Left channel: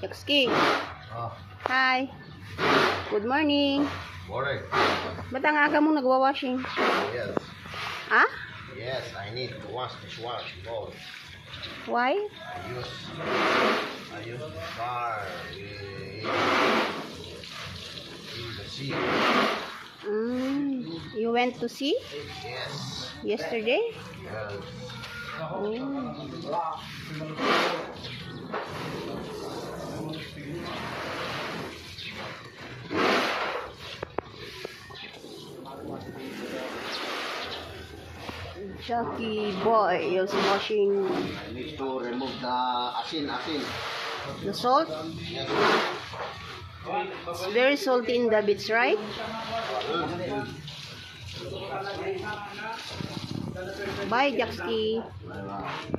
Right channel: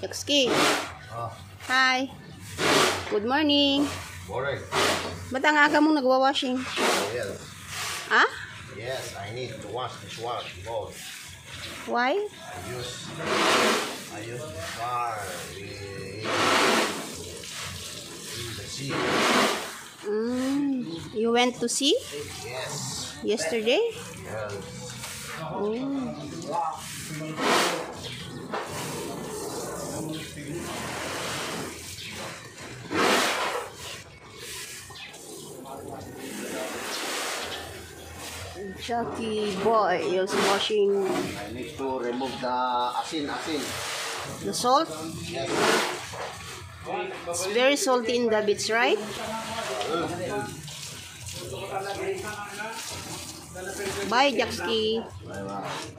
Jackski. Hi. Good morning. Morning. Ba't ang aga mong nagwa-washing? Yes. Ha? Yes, I need to wash this one both. Why? I use the car in the sea. You went to sea Yes. yesterday? Yes. Chucky boy is washing I need to remove the asin. the salt. Yes. It's very salty in the beach, right? Bye, Jackski. Bye-bye.